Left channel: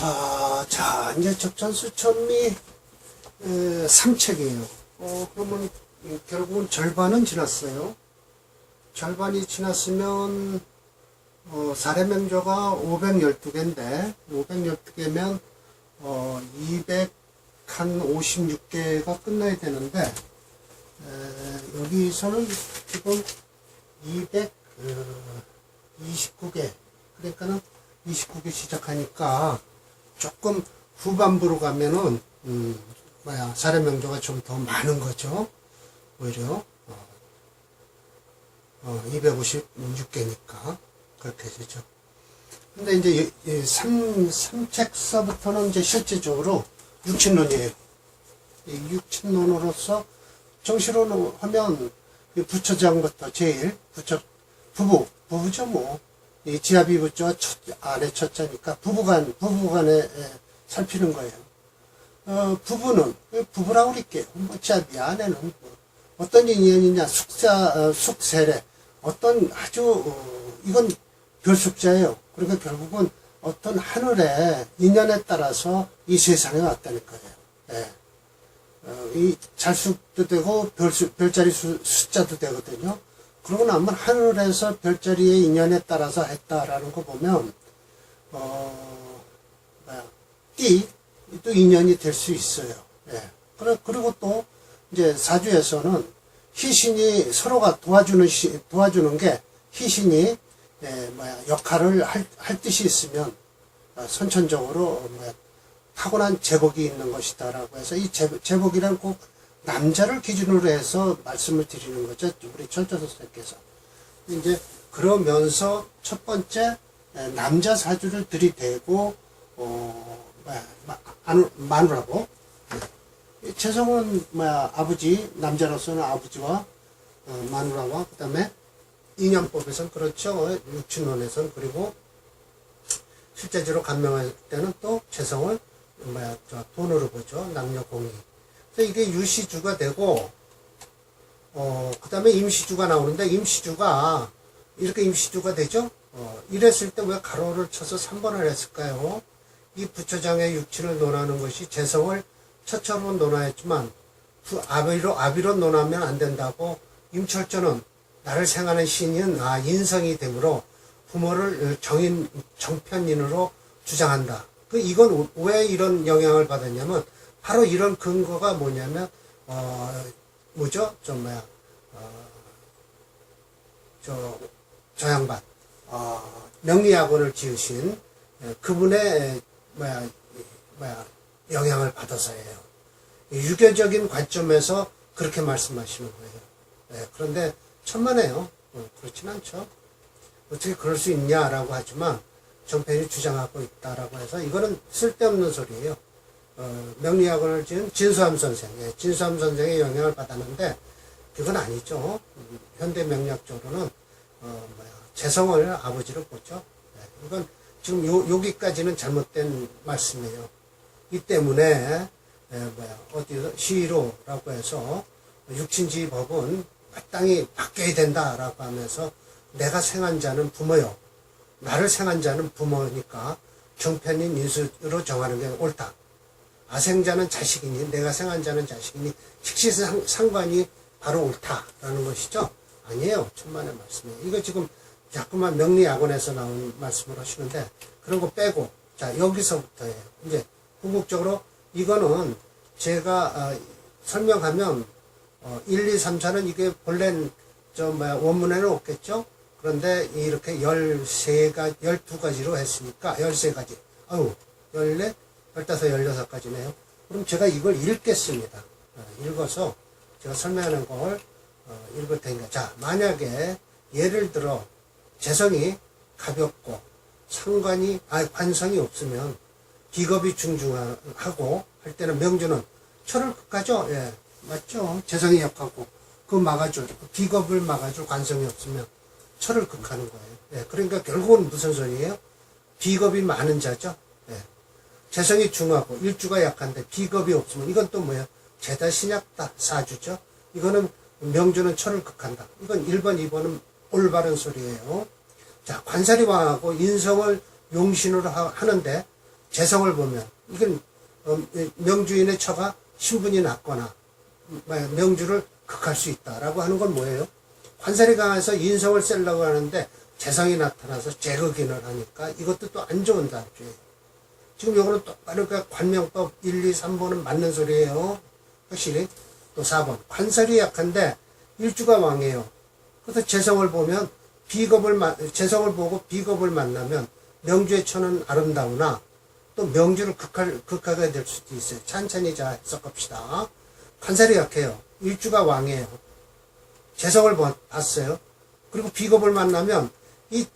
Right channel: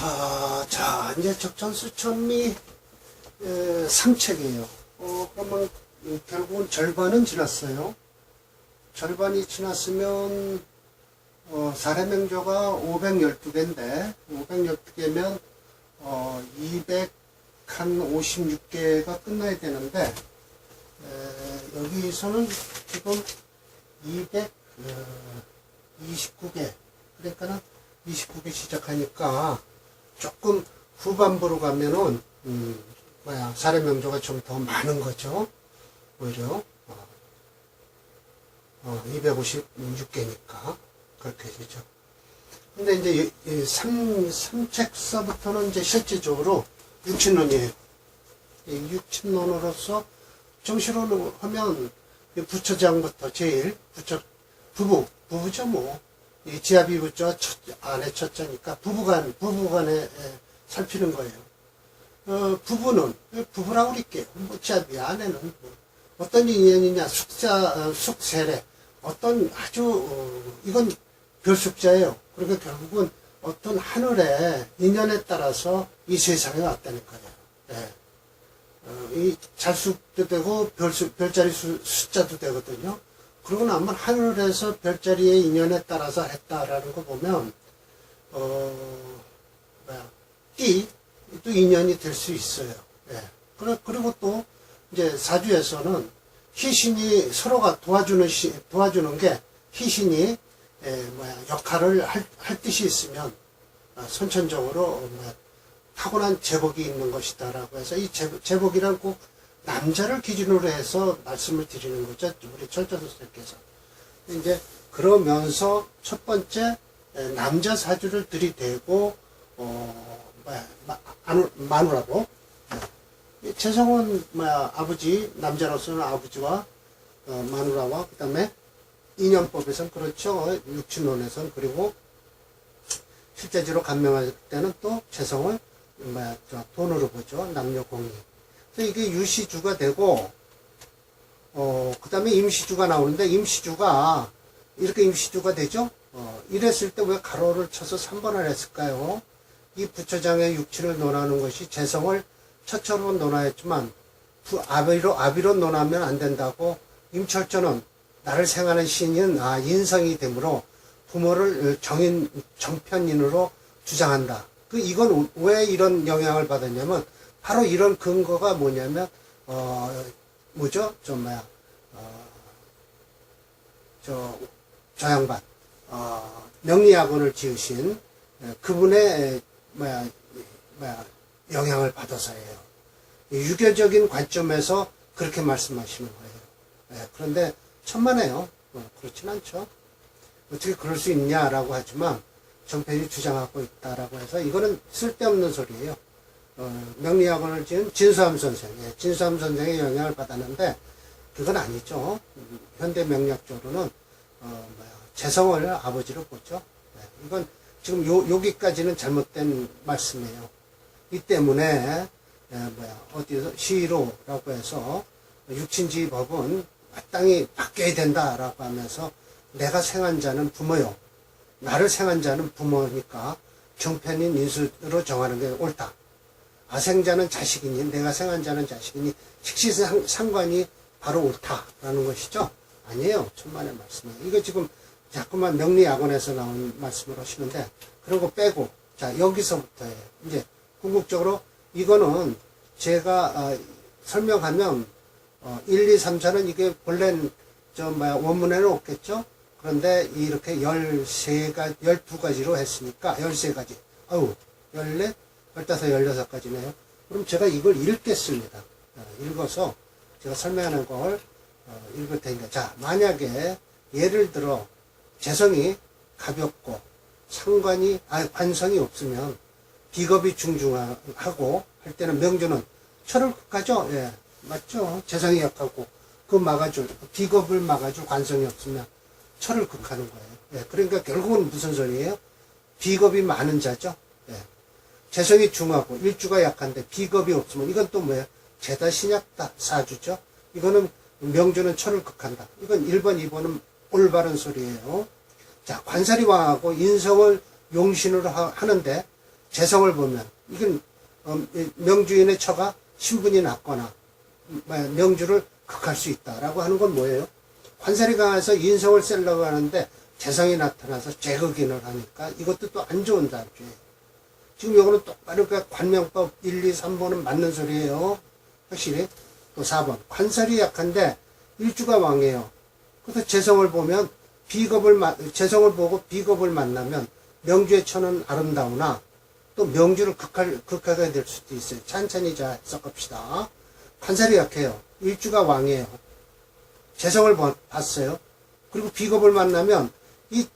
자, 이제 적천수천리 3책이에요. 그러면 결국은 절반은 지났어요. 절반이 지났으면 사례명조가 512개인데 512개면 256개가 끝나야 되는데 여기서는 지금 229개 그러니까는 29개 시작하니까 조금 후반부로 가면은 사례명조가 좀 더 많은 거죠. 오히려 256개니까 그렇게 되죠. 근데 이제 3책서부터는 이제 실질적으로 육친론이에요. 이 육친론으로서 정시로 하면 부처장부터 제일 부부죠 뭐. 이 지아비 부처와 아내 첫째니까 부부간에 살피는 거예요. 부부는 부부라고 그럴게요. 뭐 지아비 아내는 뭐 어떤 인연이냐 숙세례 어떤 아주 이건 별숙자예요. 그러니까 결국은 어떤 하늘의 인연에 따라서 이 세상에 왔다는 거예요. 이 잘수도 되고 별자리 숫자도 되거든요. 그러고 나면 하늘에서 별자리의 인연에 따라서 했다라는 거 보면 또 인연이 될 수 있어요. 그리고 또 이제 사주에서는 희신이 서로가 도와주는 게 희신이 역할을 할 뜻이 있으면 선천적으로 타고난 제복이 있는 것이다라고 해서 이 제복이란 꼭 남자를 기준으로 해서 말씀을 드리는 거죠. 우리 천자선생님께서. 이제 그러면서 첫 번째 남자 사주를 들이대고 마누라고 재성은 아버지 남자로서는 아버지와 마누라와 그 다음에 인연법에서는 그렇죠. 육친론에서는 그리고 실제적으로 감명할 때는 또 재성을 돈으로 보죠. 남녀공이. 그래서 이게 유시주가 되고 그 다음에 임시주가 나오는데 임시주가 이렇게 임시주가 되죠. 이랬을 때 왜 가로를 쳐서 3번을 했을까요? 이 부처장의 육친을 논하는 것이 재성을 처처로 논하였지만 아비로 논하면 안 된다고 임철조는 나를 생하는 신인 인성이 되므로 부모를 정편인으로 주장한다. 이건 왜 이런 영향을 받았냐면 바로 이런 근거가 뭐냐면 뭐죠? 저 양반 명리학원을 지으신 그분의 영향을 받아서예요. 유교적인 관점에서 그렇게 말씀하시는 거예요. 그런데 천만에요. 그렇진 않죠. 어떻게 그럴 수 있냐라고 하지만 전편이 주장하고 있다라고 해서 이거는 쓸데없는 소리예요. 명리학원을 지은 진수함 선생의 영향을 받았는데 그건 아니죠. 현대 명리학적으로는 재성을 아버지로 보죠. 이건 지금 여기까지는 잘못된 말씀이에요. 이 때문에 어디서 시로라고 해서 육친지법은 마땅히 바뀌어야 된다라고 하면서 내가 생한 자는 부모요. 나를 생한 자는 부모니까 정편인 인수로 정하는 게 옳다. 아생자는 자식이니 내가 생한 자는 자식이니 식시상관이 바로 옳다라는 것이죠. 아니에요. 천만의 말씀이에요. 이거 지금 자꾸만 명리학원에서 나온 말씀을 하시는데 그런 거 빼고 자 여기서부터예요. 이제 궁극적으로 이거는 제가 설명하면 1, 2, 3, 4는 이게 본래는 원문에는 없겠죠. 그런데 이렇게 12가지로 했으니까 13가지. 14, 15, 16가지네요. 그럼 제가 이걸 읽겠습니다. 읽어서 제가 설명하는 걸 읽을 테니까. 자, 만약에 예를 들어 재성이 가볍고 관성이 없으면 비겁이 중중하고 할 때는 명조는 철을 극하죠. 예, 맞죠. 재성이 약하고 비겁을 막아줄 관성이 없으면 철을 극하는 거예요. 예, 그러니까 결국은 무슨 소리예요? 비겁이 많은 자죠. 예. 재성이 중하고 일주가 약한데 비겁이 없으면 이건 또 뭐예요? 죄다 신약다 사주죠. 이거는 명조는 철을 극한다. 이건 1번, 2번은 올바른 소리예요. 자, 관살이 왕하고 인성을 용신으로 하는데 재성을 보면 이건 명주인의 처가 신분이 낮거나 명주를 극할 수 있다라고 하는 건 뭐예요? 관살이 강해서 인성을 셀려고 하는데 재성이 나타나서 재극인을 하니까 이것도 또 안 좋은 단주예요. 지금 이거는 똑바로 관명법 1, 2, 3번은 맞는 소리예요. 확실히. 또 4번. 관살이 약한데 일주가 왕이에요. 그래서 재성을 보면 재성을 보고 비겁을 만나면 명주의 처는 아름다우나 또 명주를 극하게 될 수도 있어요. 찬찬히 자 해석합시다. 관살이 약해요. 일주가 왕이에요. 재성을 봤어요. 그리고 비겁을 만나면 이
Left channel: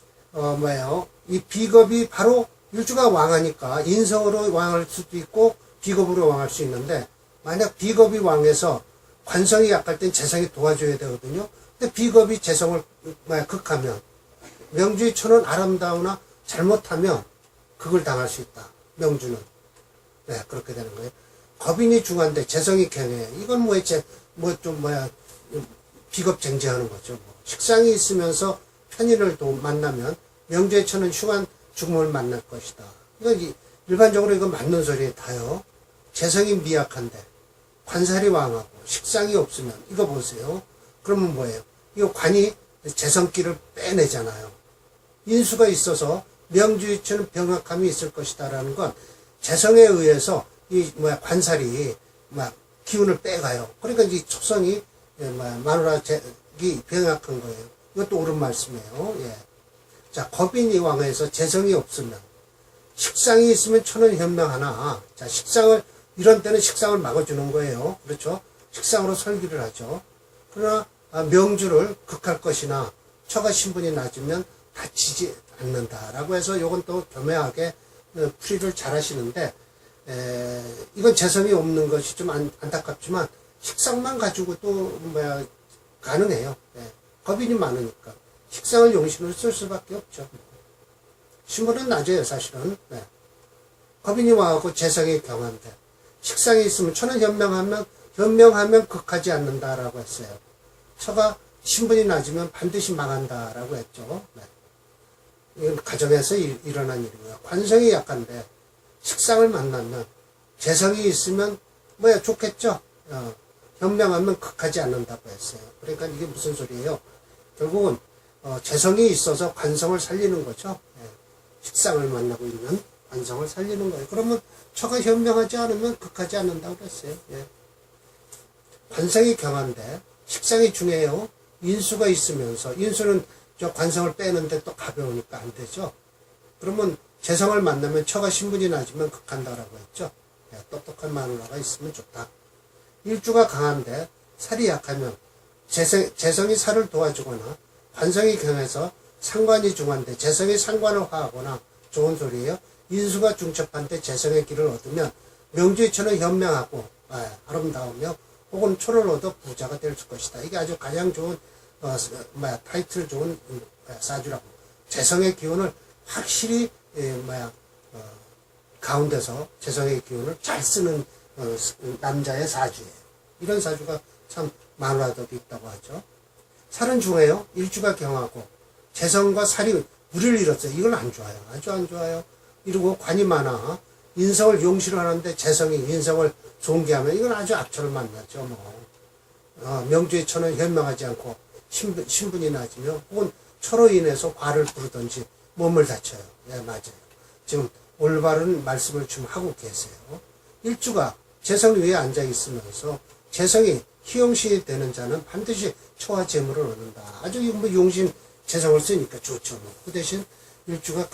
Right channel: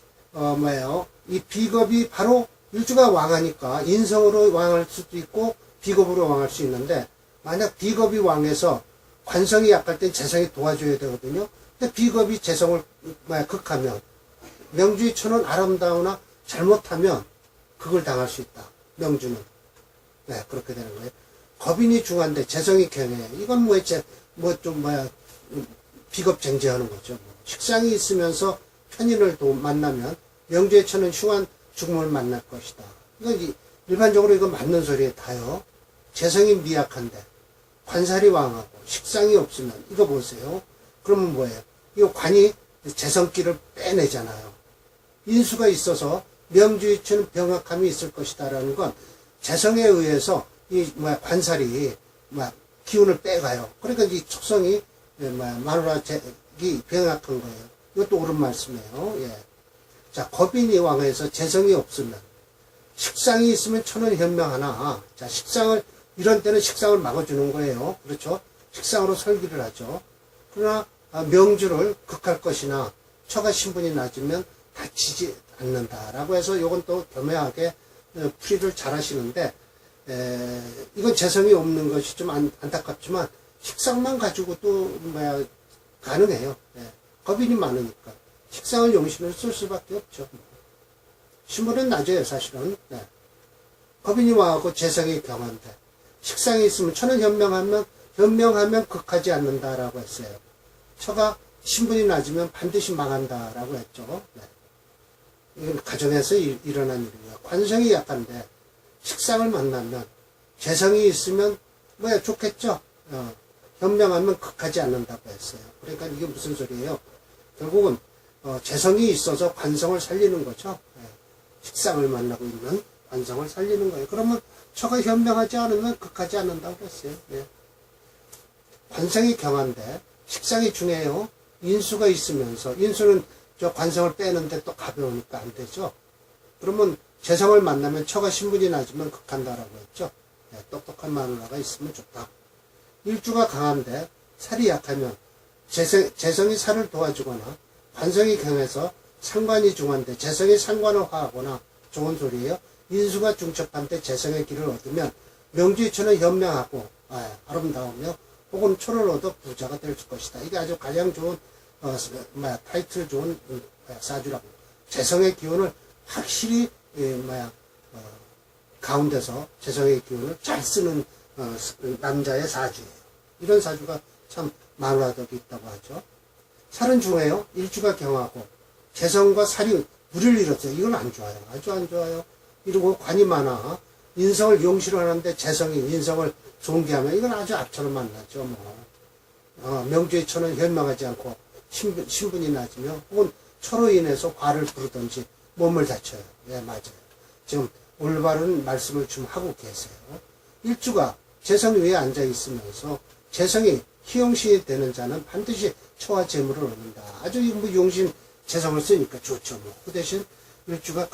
비겁이 바로 일주가 왕하니까 인성으로 왕할 수도 있고 비겁으로 왕할 수 있는데 만약 비겁이 왕해서 관성이 약할 땐 재성이 도와줘야 되거든요. 근데 비겁이 재성을 극하면 명주의 처는 아름다우나 잘못하면 극을 당할 수 있다. 명주는. 네, 그렇게 되는 거예요. 겁인이 중한데 재성이 경해. 이건 비겁쟁지하는 거죠. 식상이 있으면서 편인을 만나면 명주의 처는 흉한 죽음을 만날 것이다. 그러니까 일반적으로 이건 맞는 소리에 다요. 재성이 미약한데 관살이 왕하고 식상이 없으면 이거 보세요. 그러면 뭐예요? 이거 관이 재성기를 빼내잖아요. 인수가 있어서 명주의 처는 병약함이 있을 것이다라는 건 재성에 의해서 관살이 기운을 빼가요. 그러니까 이 초성이 마누라기 병약한 거예요. 이것도 옳은 말씀이에요. 예. 자, 겁인이 왕해서 재성이 없으면 식상이 있으면 처는 현명하나 자 이런 때는 식상을 막아주는 거예요. 그렇죠? 식상으로 설기를 하죠. 그러나 명주를 극할 것이나 처가 신분이 낮으면 다치지 않는다라고 해서 이건 또 교묘하게 풀이를 잘 하시는데 이건 재성이 없는 것이 좀 안타깝지만 식상만 가지고도 가능해요. 예. 겁인이 많으니까 식상을 용신으로 쓸 수밖에 없죠. 신분은 낮아요, 사실은. 네. 겁인이 와갖고 재성이 경한데 식상이 있으면 처는 현명하면 극하지 않는다라고 했어요. 처가 신분이 낮으면 반드시 망한다라고 했죠. 네. 이건 가정에서 일어난 일이에요. 관성이 약한데 식상을 만나면 재성이 있으면 좋겠죠. 현명하면 극하지 않는다고 했어요. 그러니까 이게 무슨 소리예요? 결국은 재성이 있어서 관성을 살리는 거죠. 네. 식상을 만나고 있는 관성을 살리는 거예요. 그러면 처가 현명하지 않으면 극하지 않는다고 그랬어요. 네. 관성이 경한데 식상이 중요해요. 인수가 있으면서 인수는 저 관성을 빼는데 또 가벼우니까 안 되죠. 그러면 재성을 만나면 처가 신분이 낮으면 극한다라고 했죠. 네. 똑똑한 마누라가 있으면 좋다. 일주가 강한데 살이 약하면 재성이 살을 도와주거나 관성이 강해서 상관이 중한데 재성이 상관을 화하거나 좋은 소리예요. 인수가 중첩한데 재성의 길을 얻으면 명주의 처는 현명하고 아름다우며 혹은 초를 얻어 부자가 될 것이다. 이게 아주 가장 좋은 타이틀 좋은 사주라고. 재성의 기운을 확실히 가운데서 재성의 기운을 잘 쓰는 남자의 사주예요. 이런 사주가 참 마누라덕이 있다고 하죠. 살은 중해요. 일주가 경하고 재성과 살이 무리를 잃었어요. 이건 안 좋아요. 아주 안 좋아요. 그리고 관이 많아 인성을 용시를 하는데 재성이 인성을 존귀하면 이건 아주 악처를 만나죠. 명주의 처는 현명하지 않고 신분이 낮으며 혹은 처로 인해서 과를 부르든지 몸을 다쳐요. 네, 맞아요. 지금 올바른 말씀을 좀 하고 계세요. 일주가 재성 위에 앉아 있으면서 재성이 희용시 되는 자는 반드시 처와 재물을 얻는다. 아주 용신 재성을 쓰니까 좋죠. 그 대신 일주가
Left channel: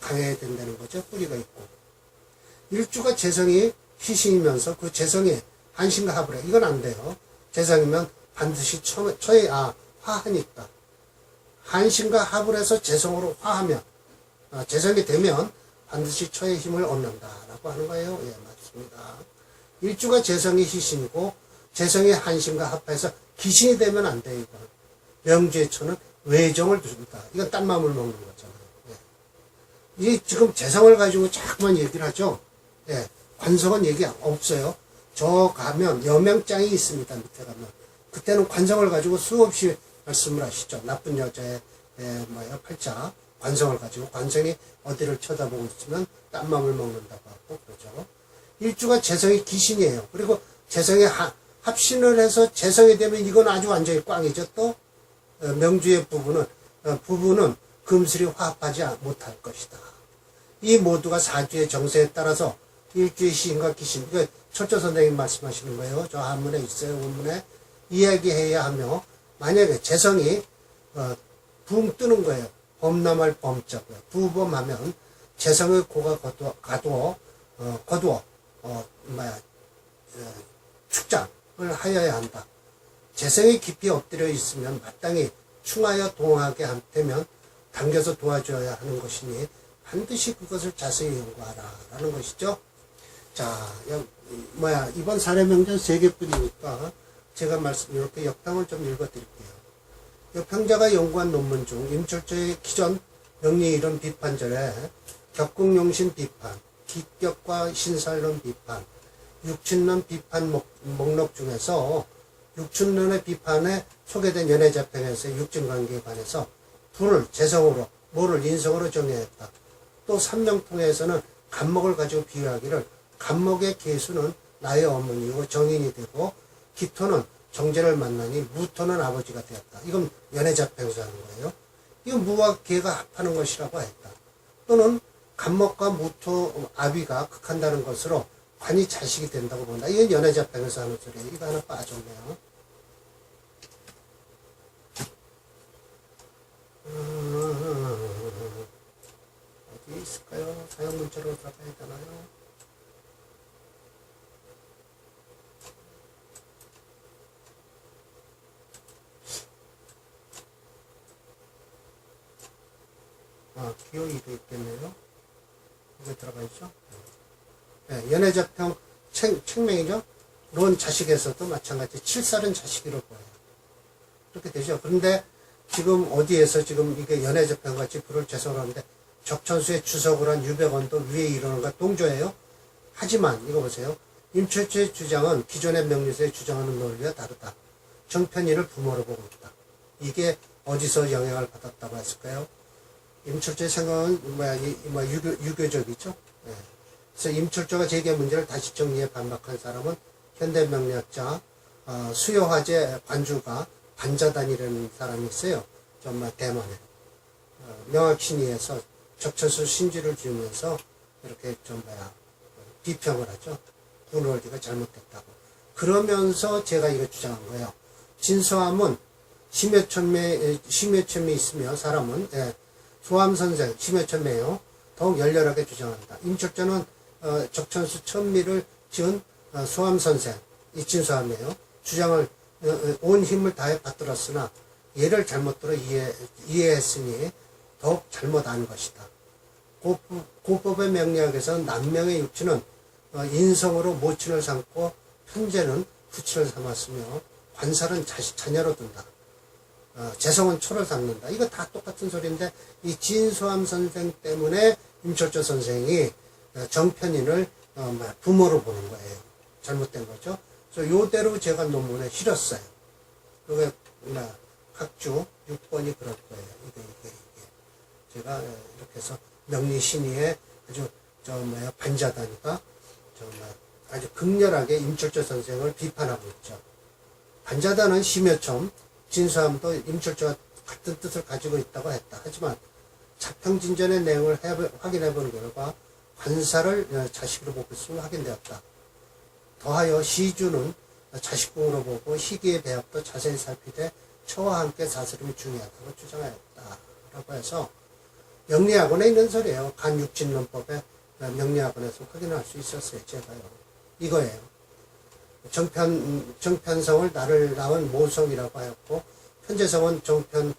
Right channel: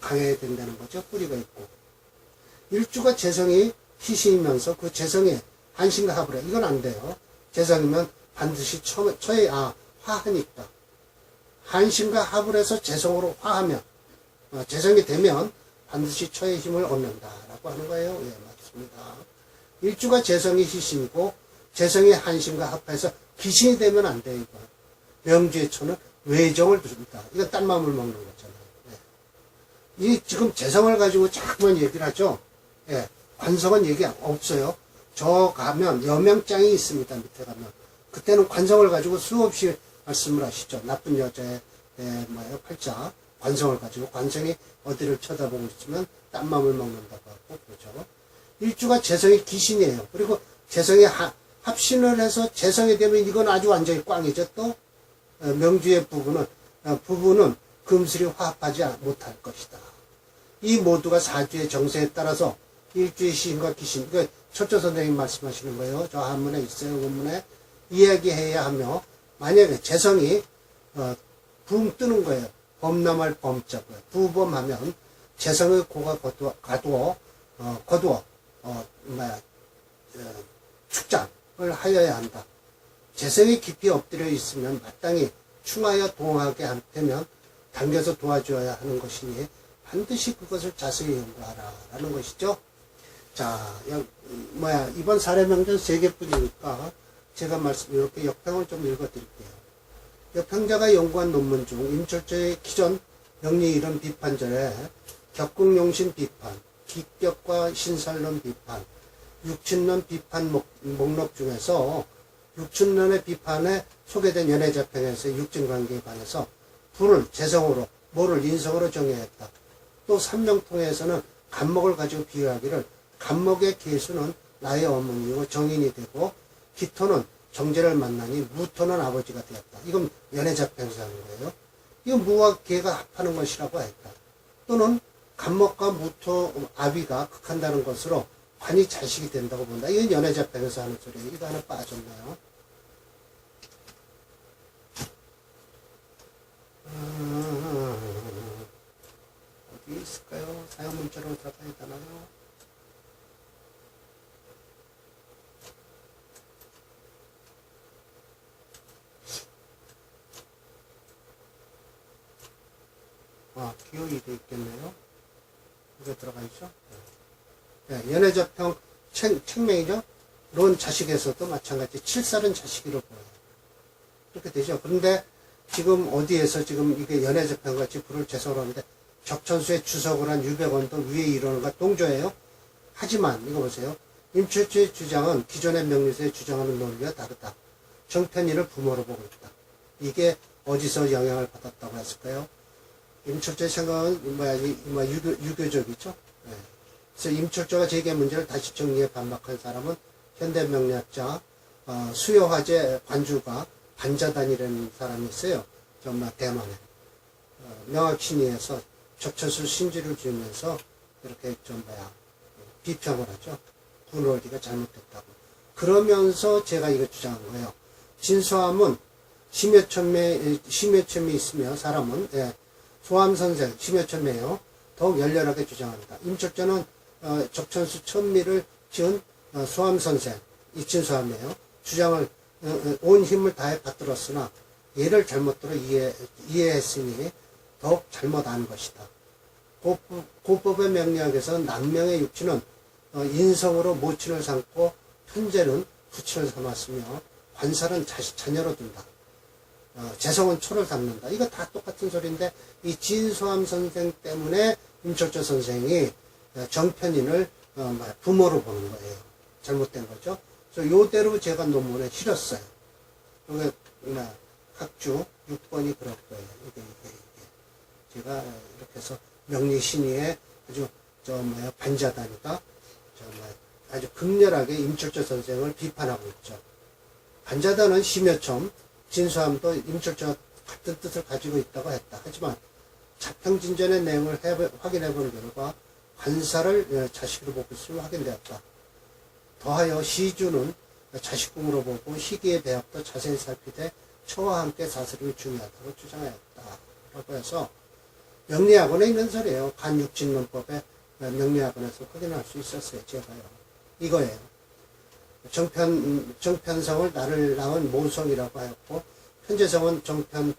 강해야 된다는 거죠. 뿌리가 있고. 일주가 재성이 희신이면서 그 재성에 한신과 합을 해. 이건 안 돼요. 재성이면 반드시 처에 화하니까. 한신과 합을 해서 재성으로 화하면 재성이 되면 반드시 처의 힘을 얻는다라고 하는 거예요. 예, 맞습니다. 일주가 재성이 희신이고 재성이 한신과 합해서 기신이 되면 안 돼요. 이거. 명주의 처는 외정을 줍니다. 이건 딴 마음을 먹는 거잖아요. 예. 이 지금 재성을 가지고 자꾸만 얘기를 하죠. 예. 관성은 얘기 없어요. 저 가면 여명장이 있습니다. 밑에 가면. 그때는 관성을 가지고 수없이 말씀을 하시죠. 나쁜 여자의 팔자 관성을 가지고 관성이 어디를 쳐다보고 있으면 딴맘을 먹는다고 하고 그러죠. 일주가 재성이 귀신이에요. 그리고 재성이 합신을 해서 재성이 되면 이건 아주 완전히 꽝이죠. 또 명주의 부부는 금술이 화합하지 못할 것이다. 이 모두가 사주의 정세에 따라서 일주의 시인과 귀신, 그러니까 철조 선생님 말씀하시는 거예요. 저 한문에 있어요. 원문에 이야기해야 하며, 만약에 재성이 붕 뜨는 거예요. 범람할 범자고요. 부범하면 재성의 고가 거두어 축장을 하여야 한다. 재성이 깊이 엎드려 있으면 마땅히 충하여 동하게 되면 당겨서 도와줘야 하는 것이니 반드시 그것을 자세히 연구하라 라는 것이죠. 자, 이번 사례명전 3개뿐이니까 제가 이렇게 역당을 좀 읽어드릴게요. 평자가 연구한 논문 중 임철조의 기존 명리 이론 비판절에 격국용신 비판, 기격과 신살론 비판, 육친론 비판 목록 중에서 육친론의 비판에 소개된 연애자평에서의 육친관계에 관해서 불을 재성으로, 모를 인성으로 정의했다. 또 삼명통에서는 간목을 가지고 비유하기를 간목의 계수는 나의 어머니요 정인이 되고 기토는 정제를 만나니 무토는 아버지가 되었다. 이건 연애자평에서 하는 거예요. 이건 무와 개가 합하는 것이라고 했다. 또는 간목과 무토, 아비가 극한다는 것으로 관이 자식이 된다고 본다. 이건 연애자평에서 하는 소리예요. 이거 하나 빠졌네요. 어디 있을까요? 사용문자로 들어가야 되나요? 기호이도 있겠네요. 이거 들어가 있죠? 네, 연애자평 책명이죠? 론 자식에서도 마찬가지 7살은 자식으로 보여요. 그렇게 되죠. 그런데 지금 어디에서 지금 이게 연애자평 같이 불을 재성을 하는데 적천수의 주석을 한 유백원도 위에 이르는 것과 동조해요. 하지만 이거 보세요. 임철조의 주장은 기존의 명리서에 주장하는 논리와 다르다. 정편이를 부모로 보고 있다. 이게 어디서 영향을 받았다고 했을까요? 임철조의 생각은 유교적이죠. 네. 그래서 임철조가 제기한 문제를 다시 정리해 반박한 사람은 현대 명리학자 수요화제 관주가 반자단이라는 사람이 있어요. 정말 대만에 명학신의에서 적천수 신지를 지으면서 이렇게 비평을 하죠. 군월기가 잘못됐다고. 그러면서 제가 이거 주장한 거예요. 진서함은 심여첨이 있으며 사람은 소함선생 심여첨이에요. 더욱 열렬하게 주장한다. 임철조는 적천수 천미를 지은 소함선생 이진소함이에요. 주장을 온 힘을 다해 받들었으나 얘를 잘못들어 이해했으니 더욱 잘못 안 것이다. 고법의 명리학에서 남명의 육친은 인성으로 모친을 삼고 편제는 부친을 삼았으며 관살은 자녀로 둔다. 재성은 초를 삼는다. 이거 다 똑같은 소리인데 이 진소함 선생 때문에 임철조 선생이 정편인을 부모로 보는 거예요. 잘못된 거죠. 그래서 요대로 제가 논문에 실었어요. 이게 학주 6번이 그럴 거예요. 이게. 제가 이렇게 해서 명리신의의 아주 반자단이가 아주 극렬하게 임철조 선생을 비판하고 있죠. 반자단은 심여첨, 진수함도 임철조와 같은 뜻을 가지고 있다고 했다. 하지만 자평진전의 내용을 확인해 본 결과 관사를 자식으로 보고 있음이 확인되었다. 더하여 시주는 자식궁으로 보고 희기의 배합도 자세히 살피되 처와 함께 사슬임이 중요하다고 주장하였다. 라고 해서 명리학원에 있는 소리예요. 간육진론법에 명리학원에서 확인할 수 있었어요. 제가요. 이거예요. 정편성을 나를 낳은 모성이라고 하였고 편재성은 정편을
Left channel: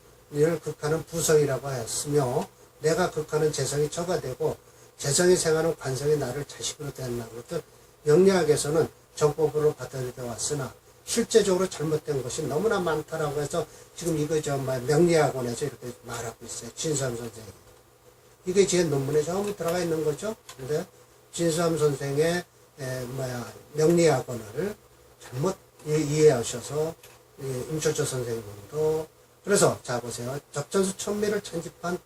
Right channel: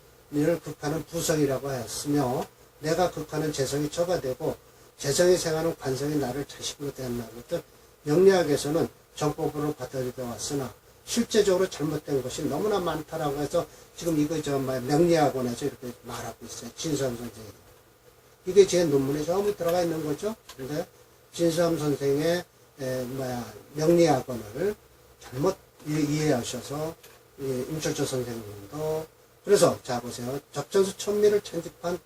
극하는 부성이라고 하였으며 내가 극하는 재성이 처가 되고 재성이 생하는 관성이 나를 자식으로 대한다는 것들 명리학에서는 정법으로 받아들여 왔으나 실제적으로 잘못된 것이 너무나 많다라고 해서 지금 이거 명리학원에서 이렇게 말하고 있어요. 진수함 선생이. 이게 제 논문에 처음 들어가 있는 거죠. 근데 진수함 선생의 명리학원을 잘못 이해하셔서 임철조 선생님도 그래서 자 보세요. 적천수 천미를 찬집한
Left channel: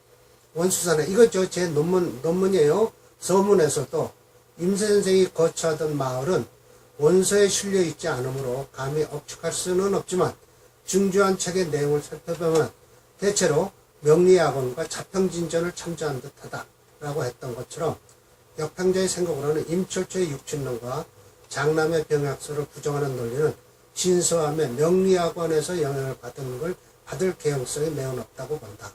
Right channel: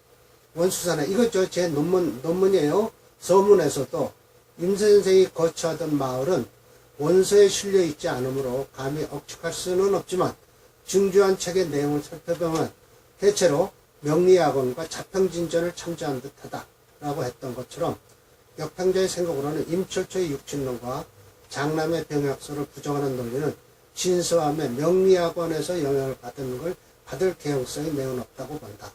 원수산에 이거 제 논문이에요. 서문에서도 임 선생이 거처하던 마을은 원서에 실려 있지 않으므로 감히 억측할 수는 없지만 증주한 책의 내용을 살펴보면 대체로 명리학원과 자평진전을 참조한 듯하다 라고 했던 것처럼 역평자의 생각으로는 임철초의 육춘론과 장남의 병약서를 부정하는 논리는 진서함의 명리학원에서 영향을 받을 개연성이 매우 높다고 본다.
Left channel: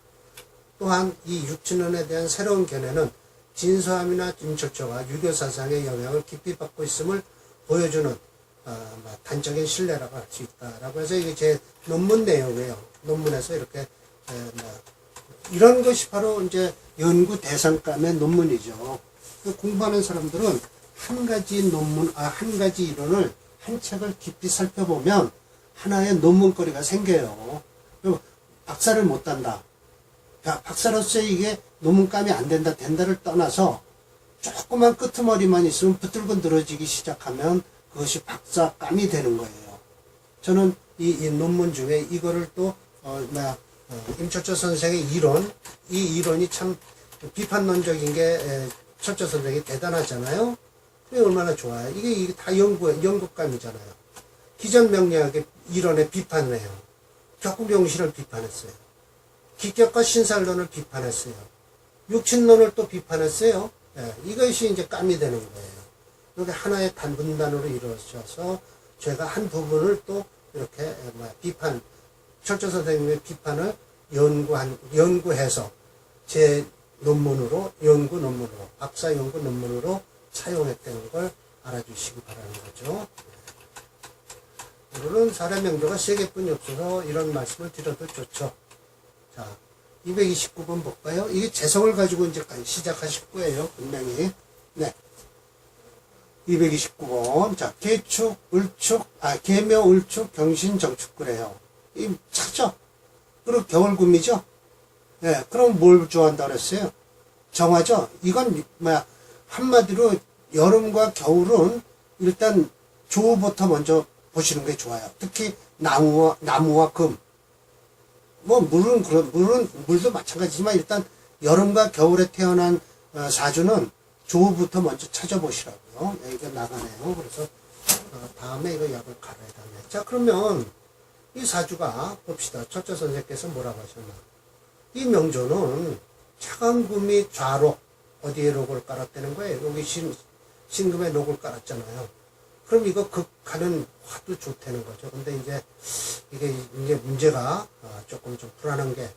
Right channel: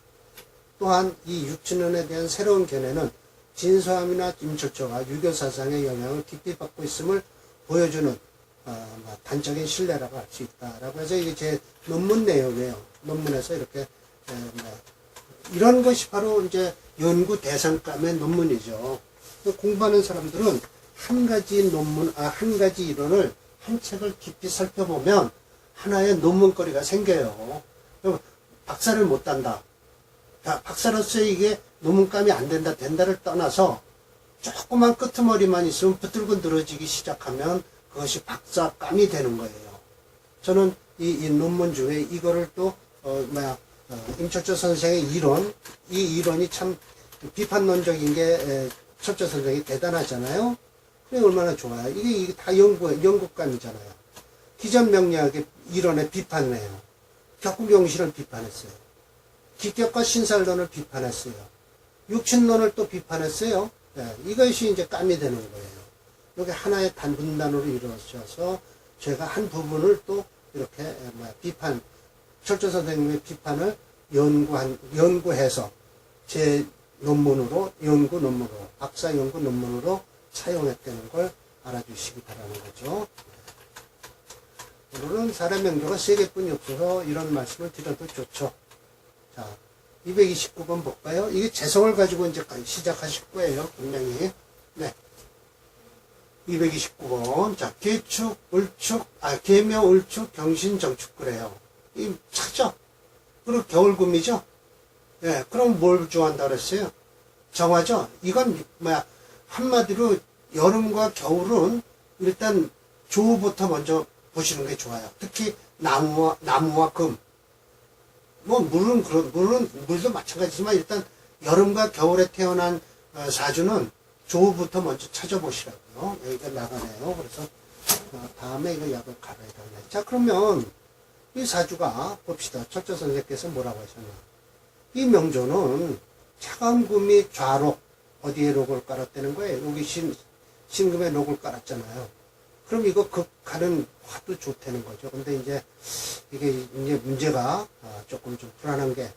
또한 이 육춘론에 대한 새로운 견해는 진서함이나 임철초가 유교 사상의 영향을 깊이 받고 있음을 보여주는 단적인 신뢰라고 할 수 있다라고 해서 이게 제 논문 내용이에요. 논문에서 이렇게 이런 것이 바로 이제 연구 대상감의 논문이죠. 공부하는 사람들은 한 가지 이론을 한 책을 깊이 살펴보면 하나의 논문거리가 생겨요. 박사를 못 딴다. 박사로서 이게 논문감이 안 된다를 떠나서 조그만 끄트머리만 있으면 붙들고 늘어지기 시작하면 그것이 박사감이 되는 거예요. 저는 이 논문 중에 이거를 또 임철초 선생의 이 이론이 참 비판론적인 게 철초 선생이 대단하잖아요. 그게 얼마나 좋아요. 이게 다 연구감이잖아요. 기존 명리학의 이론의 비판을 해요. 격국용신을 비판했어요. 기격과 신살론을 비판했어요. 육친론을 또 비판했어요. 이것이 이제 감이 되는 거예요. 이게 하나의 분단으로 이루어져서 제가 한 부분을 또 이렇게 철저 선생님의 비판을 연구해서 제 연구 논문으로, 박사 연구 논문으로 사용했다는 걸 알아주시기 바라는 거죠. 오늘은 사례 명조가 3개뿐이 없어서 이런 말씀을 드려도 좋죠. 자, 229번 볼까요? 이게 재성을 가지고 이제 시작하실 거예요, 분명히. 네. 229번. 자, 계묘, 울축, 경신, 정축, 그래요. 이 차죠? 그리고 겨울금이죠? 예, 그럼 뭘 좋아한다 그랬어요? 정화죠? 이건, 한마디로 여름과 겨울은 일단 조부터 먼저 보시는 게 좋아요. 특히 나무와 금. 물도 마찬가지지만 일단 여름과 겨울에 태어난 사주는 조부터 먼저 찾아보시라고요. 여기가 나가네요. 그래서 다음에 이거 약을 갈아야 되네. 자, 그러면 이 사주가 봅시다. 철저 선생께서 뭐라고 하셨나. 이 명조는 차관금이 좌록, 어디에 록을 깔았다는 거예요? 여기 신금에 록을 깔았잖아요. 그럼 이거 극하는 화도 좋다는 거죠. 근데 이게 문제가 조금 좀 불안한 게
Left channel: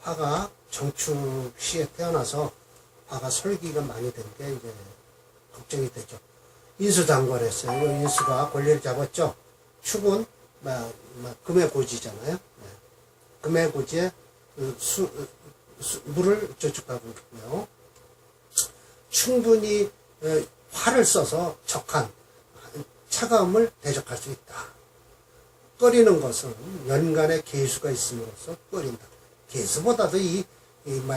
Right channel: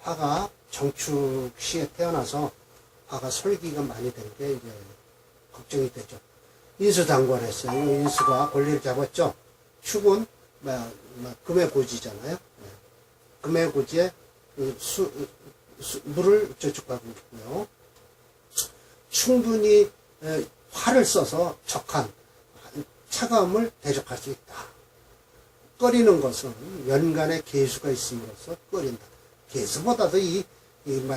화가 정축 시에 태어나서 화가 설기가 많이 된 게 이제 걱정이 되죠. 인수장관했어요. 이 인수가 권리를 잡았죠. 축은 금의 고지잖아요. 네. 금의 고지에 물을 저축하고 있고요. 충분히 화를 써서 적한 차가움을 대적할 수 있다. 끓이는 것은 연간의 계수가 있음으로써 끓인다. 계수보다도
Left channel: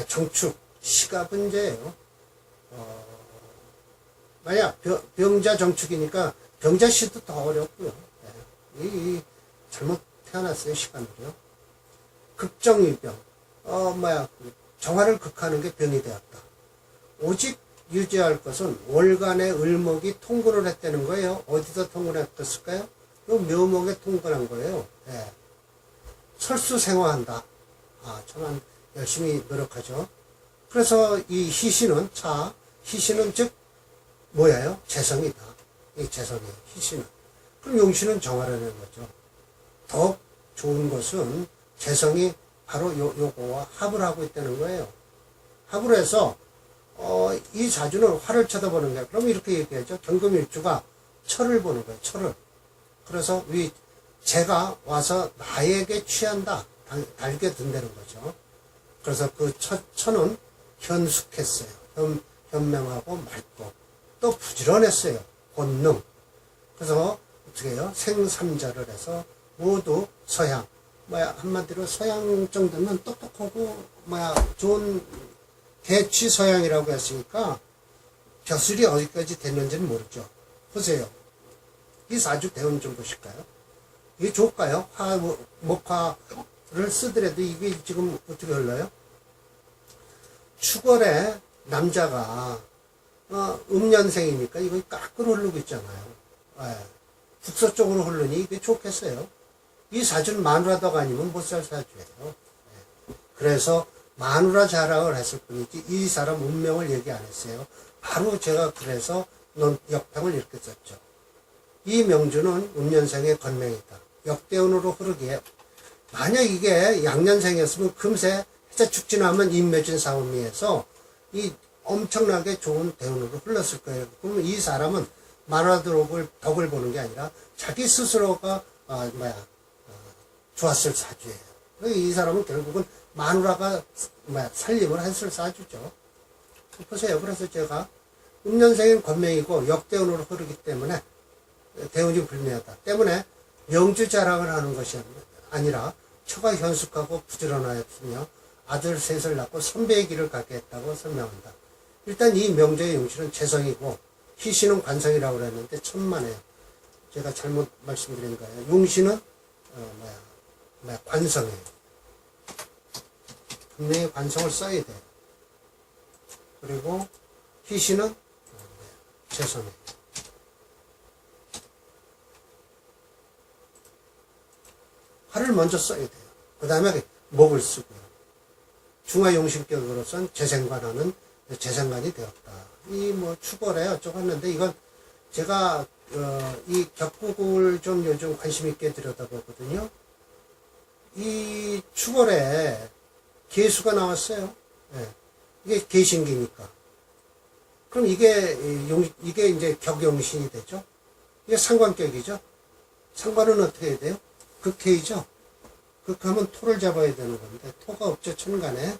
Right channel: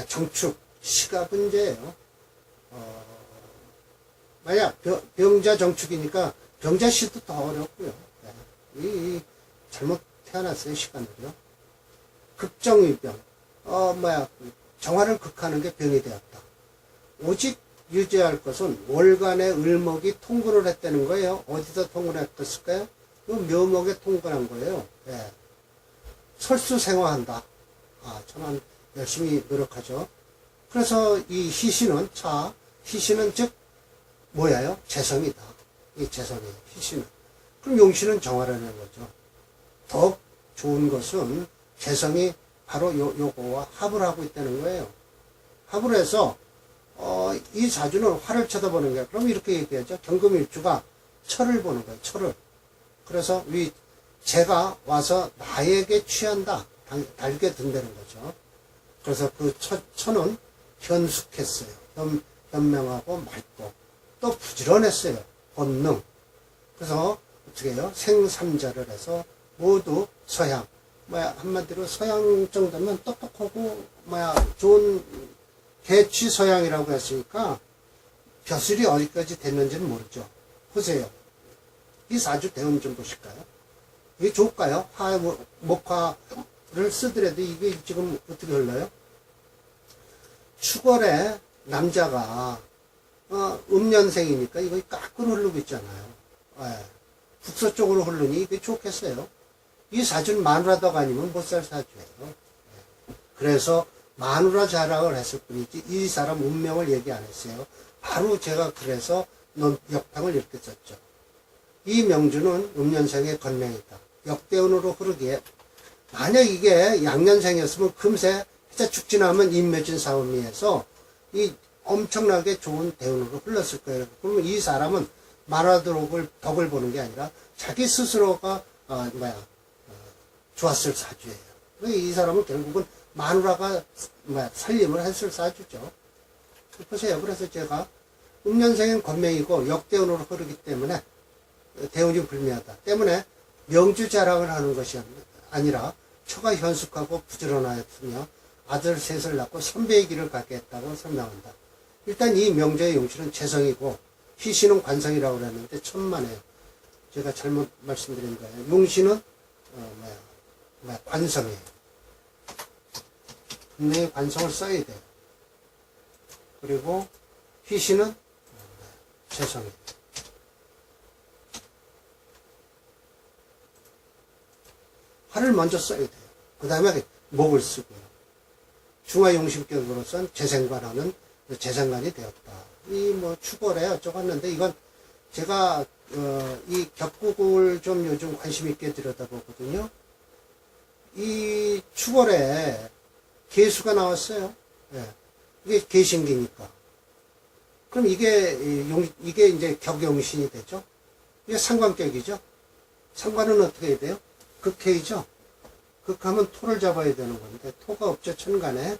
정축, 시가 문제예요. 만약 병자 정축이니까 병자 시도 더 어렵고요. 잘못 태어났어요, 시간으로요. 극정의병, 정화를 극하는 게 병이 되었다. 오직 유지할 것은 월간의 을목이 통근을 했다는 거예요. 어디서 통근을 했을까요? 묘목에 통근한 거예요. 네. 설수생화한다. 저는 열심히 노력하죠. 그래서 이 희신은 즉 뭐예요? 재성이다. 이 재성이에요. 희신은. 그럼 용신은 정화라는 거죠. 더욱 좋은 것은 재성이 바로 요거와 합을 하고 있다는 거예요. 합을 해서 이 사주는 화를 쳐다보는 거예요. 그럼 이렇게 얘기하죠. 경금일주가 철을 보는 거예요. 철을. 그래서 제가 와서 나에게 취한다. 달게 든다는 거죠. 그래서 그 천은 현숙했어요. 현명하고 맑고 또 부지런했어요. 권능. 그래서 어떻게 해요? 생삼자를 해서 모두 서양. 한마디로 서양 정도면 똑똑하고 좋은 개취 서양이라고 했으니까 벼슬이 어디까지 됐는지는 모르죠. 보세요. 이 사주 배운 좀 보실까요? 이게 좋을까요? 목화를 쓰더라도 이게 지금 어떻게 흘러요? 축월에 남자가 음년생이니까 이거 거꾸로 흐르고 있잖아요. 예. 북서쪽으로 흐르니 이게 좋겠어요. 이 사주는 마누라다가 아니면 못 살 사주예요. 예. 그래서 마누라 자락을 했을 뿐이지 이 사람 운명을 얘기 안 했어요. 바로 제가 그래서 역평을 이렇게 썼죠. 이 명주는 음년생의 건명이다. 역대운으로 흐르기에 만약 이게 양년생이었으면 금세 해자 축진하면 인묘진 싸움이해서 이 엄청나게 좋은 대운으로 흘렀을 거예요. 그러면 이 사람은 마누라 덕을 보는 게 아니라 자기 스스로가 좋았을 사주예요. 이 사람은 결국은 마누라가 살림을 했을 사주죠. 보세요. 그래서 제가 음년생은 건명이고 역대운으로 흐르기 때문에 대운이 불미하다. 때문에 명주 자랑을 하는 것이 아니라 처가 현숙하고 부지런하였으며 아들 셋을 낳고 선배의 길을 가게 했다고 설명한다. 일단 이 명주의 용신은 재성이고 희신은 관성이라고 그랬는데 천만에요. 제가 잘못 말씀드린 거예요. 용신은 관성이에요. 분명히 관성을 써야 돼요. 그리고 희신은 재성이에요. 화를 먼저 써야 돼요. 그 다음에 목을 쓰고요. 중화용신격으로선 재생관하는 재생관이 되었다. 이 축월에 어쩌고 했는데 이건 제가 이 격국을 좀 요즘 관심 있게 들여다보거든요. 이 축월에 개수가 나왔어요. 네. 이게 개신기니까. 그럼 이게 이제 격용신이 되죠. 이게 상관격이죠. 상관은 어떻게 해야 돼요? 극해이죠. 극하면 토를 잡아야 되는 건데 토가 없죠. 천간에.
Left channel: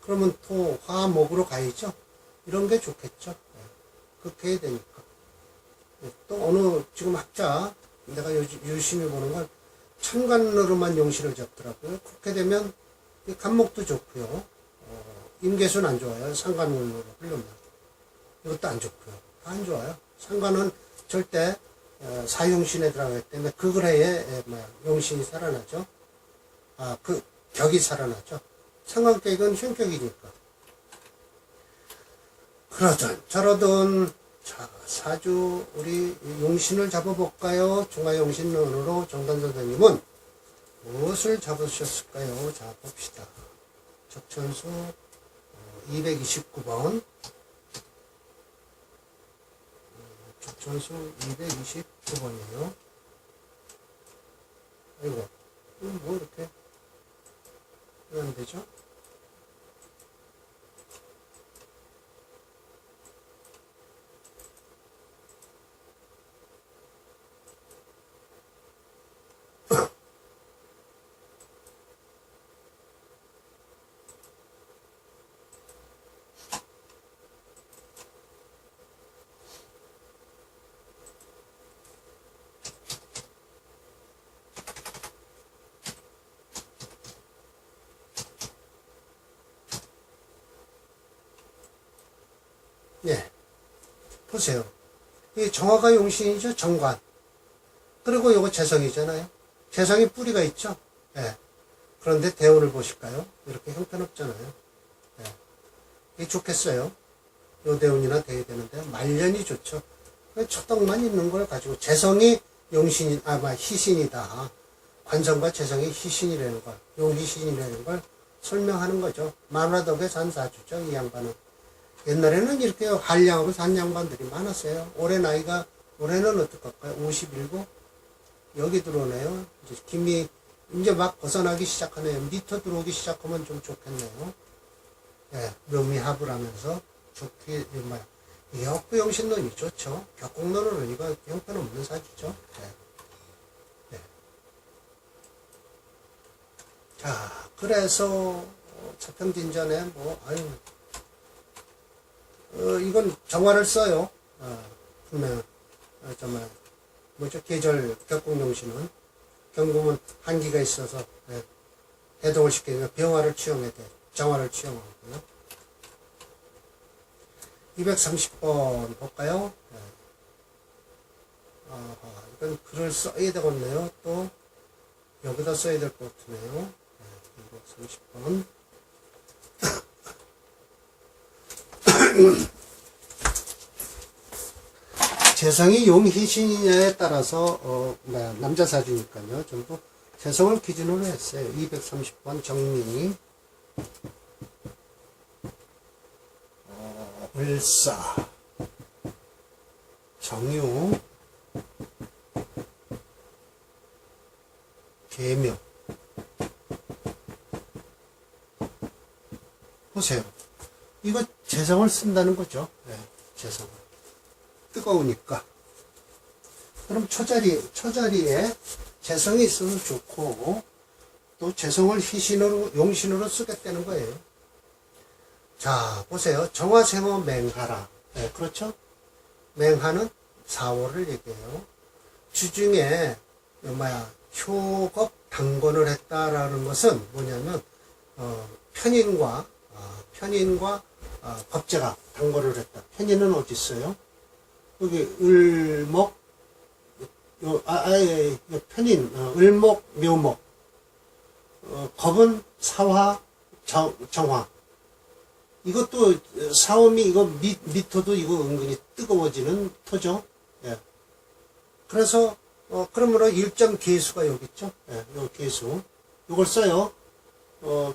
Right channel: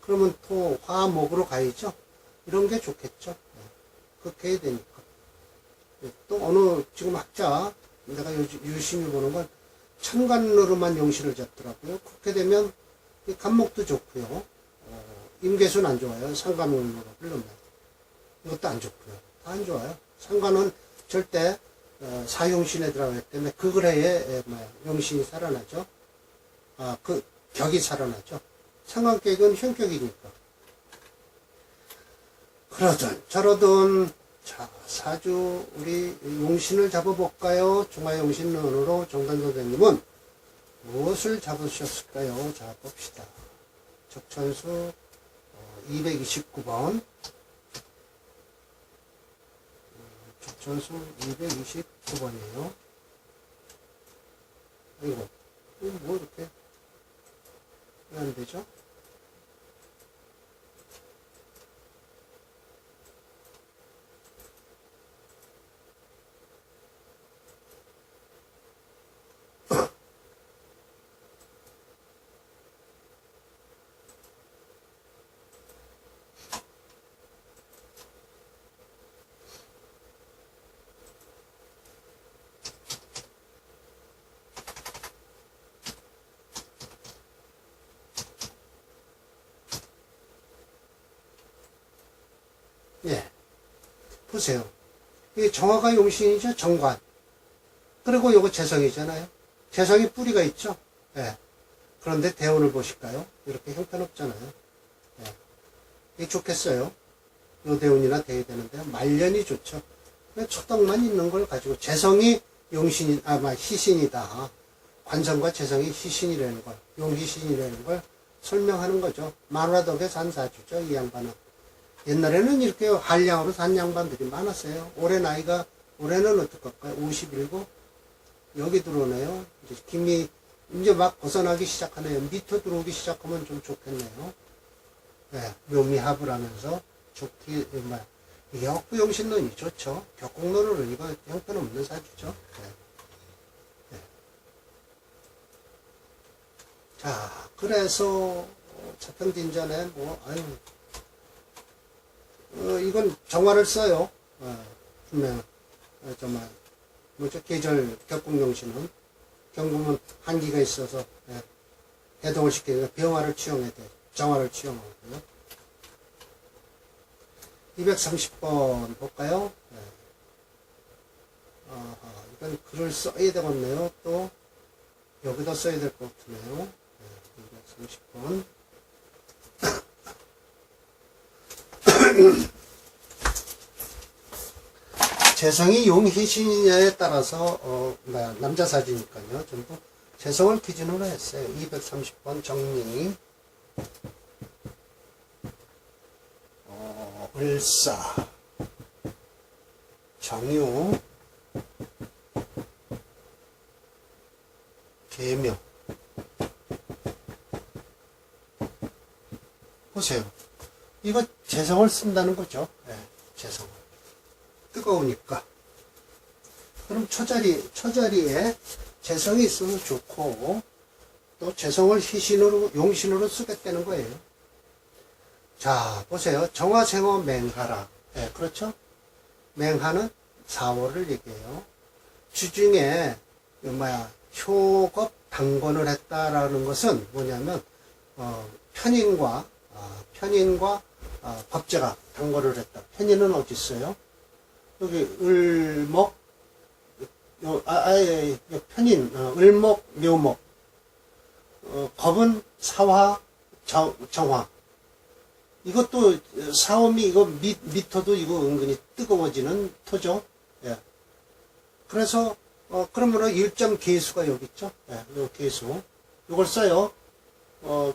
그러면 토, 화, 목으로 가야죠. 이런 게 좋겠죠. 극해야 되니까. 또 어느 지금 학자 내가 유심히 보는 건 천간으로만 용신을 잡더라고요. 그렇게 되면 간목도 좋고요. 임계수는 안 좋아요. 상관운으로 흐르면. 이것도 안 좋고요. 다 안 좋아요. 상관은 절대 사용신에 들어가기 때문에 그 글해에 용신이 살아나죠. 그 격이 살아나죠. 상관격은 현격이니까. 그러든 저러든 자 사주 우리 용신을 잡아볼까요? 중화용신론으로 정단 선생님은 무엇을 잡으셨을까요? 자 봅시다. 적천수 229번 적천수 229번이에요. 아이고 뭐 이렇게 왜 안 되죠? 예. 보세요. 이게 정화가 용신이죠. 정관. 그리고 요거 재성이잖아요. 재성이 뿌리가 있죠. 예. 그런데 대운을 보실까요? 이렇게 형편없잖아요. 예. 이게 좋겠어요. 요 대운이나 돼야 되는데 말년이 좋죠. 초덕만 있는 걸 가지고 재성이 용신, 희신이다. 관성과 재성이 희신이라는 걸, 용희신이라는 걸 설명하는 거죠. 마누라덕의 산사주죠. 이 양반은. 옛날에는 이렇게 한량으로 산 양반들이 많았어요. 올해는 어떡할까요? 57? 여기 들어오네요. 이제 김이 이제 막 벗어나기 시작하네요. 밑으로 들어오기 시작하면 좀 좋겠네요. 예, 묘미합을 하면서 좋게, 정말. 역부용신론이 좋죠. 격국론은 이거 형편없는 사주죠. 예. 예. 자, 그래서, 차평진전에 이건 정화를 써요. 분명, 정말, 계절 격국용신은. 경금은 한기가 있어서, 해동을 시키니까 병화를 취용해야 돼. 정화를 취용하고요. 230번 볼까요? 이건 글을 써야 되겠네요. 또, 여기다 써야 될 것 같으네요. 230번. 재성이 용희신이냐에 따라서 남자 사주니까요. 전부 재성을 기준으로 했어요. 230번 정리. 을사, 정유, 계묘. 보세요. 이거 재성을 쓴다는 거죠. 네, 재성을. 뜨거우니까. 그럼 처자리에 재성이 있어서 좋고, 또 재성을 희신으로, 용신으로 쓰겠다는 거예요. 자, 보세요. 정화생어 맹하라. 네, 그렇죠? 맹하는 4월을 얘기해요. 주중에, 효겁 당건을 했다라는 것은 뭐냐면, 편인과 법제각 당건을 했다. 편인은 어디 있어요? 여기 을목, 편인, 을목, 묘목. 겁은 사화, 정화. 이것도 사오미 이거 미토도 이거 은근히 뜨거워지는 토죠. 예. 그래서 그러므로 일점 계수가 여기 있죠. 예, 요 계수. 이걸 써요.